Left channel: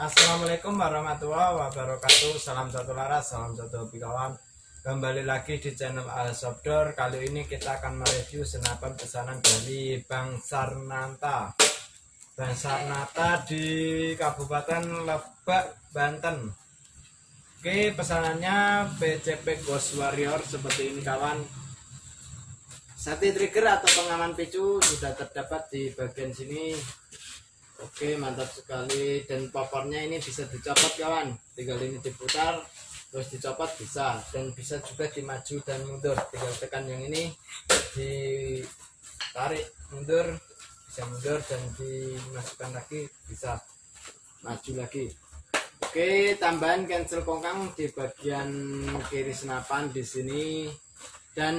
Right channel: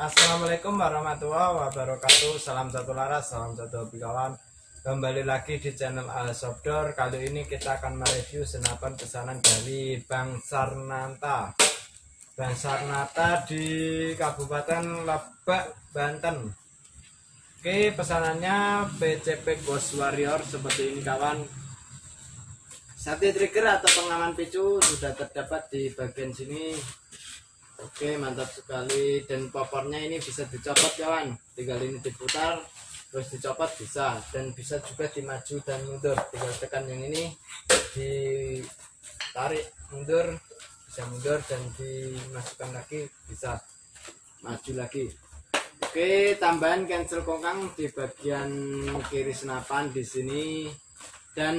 Assalamualaikum warahmatullahi wabarakatuh. Salam satu laras, salam satu hobi kawan. Kembali lagi di channel Alsobdor. Kali ini kita akan mereview senapan pesanan dari Bang Sarnata. Bang Sarnata di Kabupaten Lebak, Banten. Oke, pesanannya PCP Ghost Warrior seperti ini kawan. Sati trigger atau pengaman picu sudah terdapat di bagian sini. Oke, mantap sekali. Dan popornya ini bisa dicopot kawan, tinggal ini diputar terus dicopot bisa, dan bisa juga dimaju dan mundur, tinggal tekan yang ini ditarik mundur, bisa mundur, dan dimasukkan lagi bisa maju lagi. Oke, tambahan cancel kongkang di bagian kiri senapan di sini, dan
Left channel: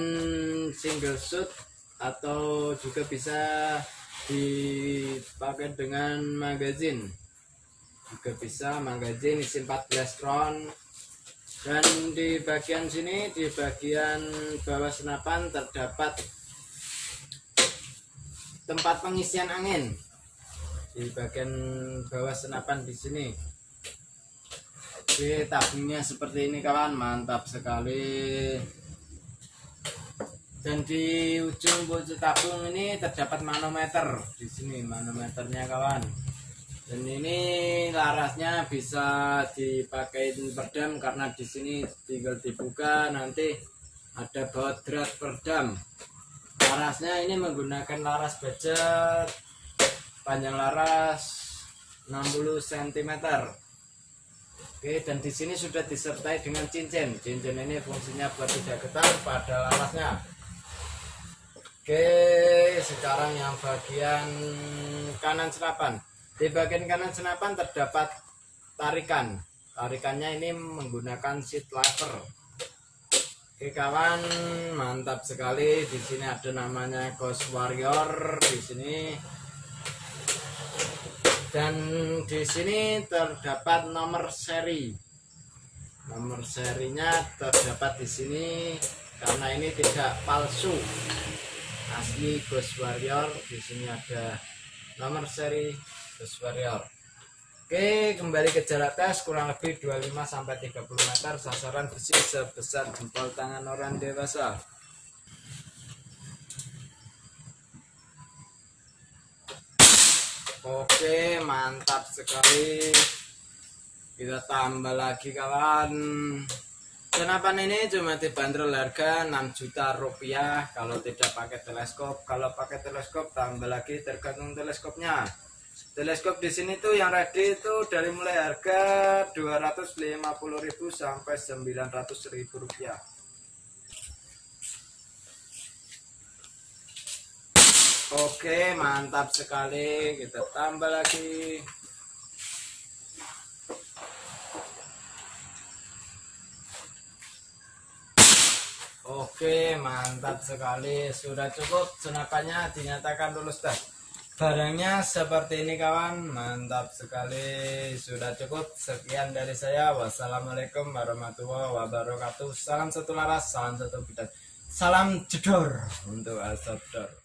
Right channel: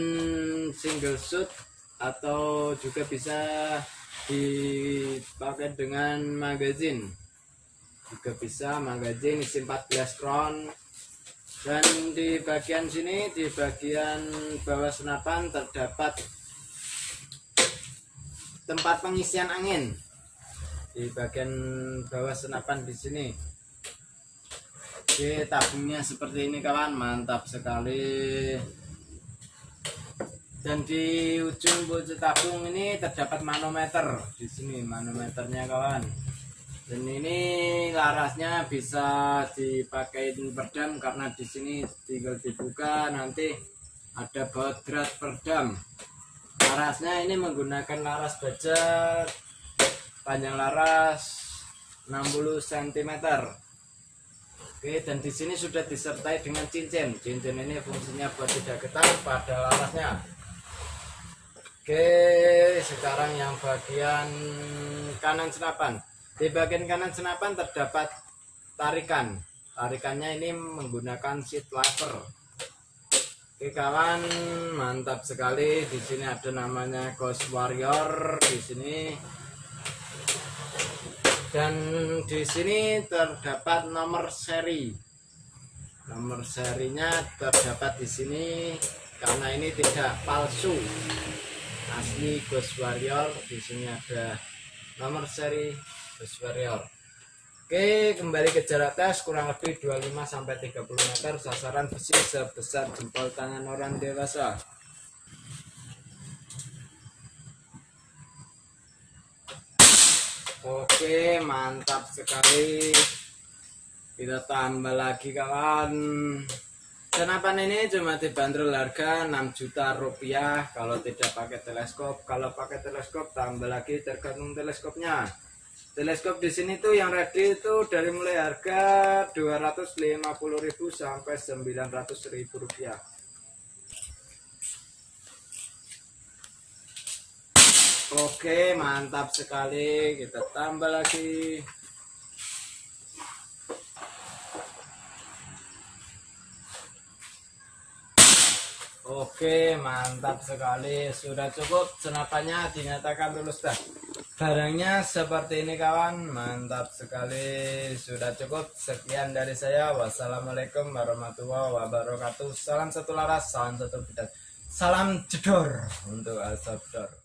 single shot atau juga bisa dipakai dengan magazine, juga bisa magazine isi 14 round. Dan di bagian sini, di bagian bawah senapan terdapat tempat pengisian angin di bagian bawah senapan di sini. Oke, tabungnya seperti ini kawan, mantap sekali. Dan di ujung tabung ini terdapat manometer di sini, manometernya kawan. Dan ini larasnya bisa dipakai perdam, karena di sini tinggal dibuka nanti ada baut drat perdam. Larasnya ini menggunakan laras baja, panjang laras 60 cm. Oke, dan di sini sudah disertai dengan cincin. Cincin ini fungsinya buat tidak getar pada larasnya. Oke, sekarang yang bagian kanan senapan. Di bagian kanan senapan terdapat tarikan. Tarikannya ini menggunakan seat lever. Oke kawan, mantap sekali. Di sini ada namanya Ghost Warrior di sini. Dan di sini terdapat nomor seri. Nomor serinya terdapat di sini karena ini tidak palsu, asli Ghost Warrior. Di sini ada nomor seri Ghost Warrior. Oke, kembali ke jarak tes kurang lebih 25-30 meter, sasaran besi sebesar jempol tangan orang dewasa. Oke, mantap sekali. Kita tambah lagi kawan. Senapan ini cuma dibanderol harga 6 juta rupiah kalau tidak pakai teleskop. Kalau pakai teleskop tambah lagi, tergantung teleskopnya. Teleskop di sini tuh yang ready itu dari mulai harga 250.000 sampai 900.000 rupiah. Oke, mantap sekali. Kita tambah lagi. Oke, mantap sekali. Sudah cukup, senapannya dinyatakan lulus tes. Barangnya seperti ini kawan, mantap sekali. Sudah cukup, sekian dari saya. Wassalamualaikum warahmatullahi wabarakatuh. Salam satu laras, salam satu bidang, salam jedor untuk Alsobdor.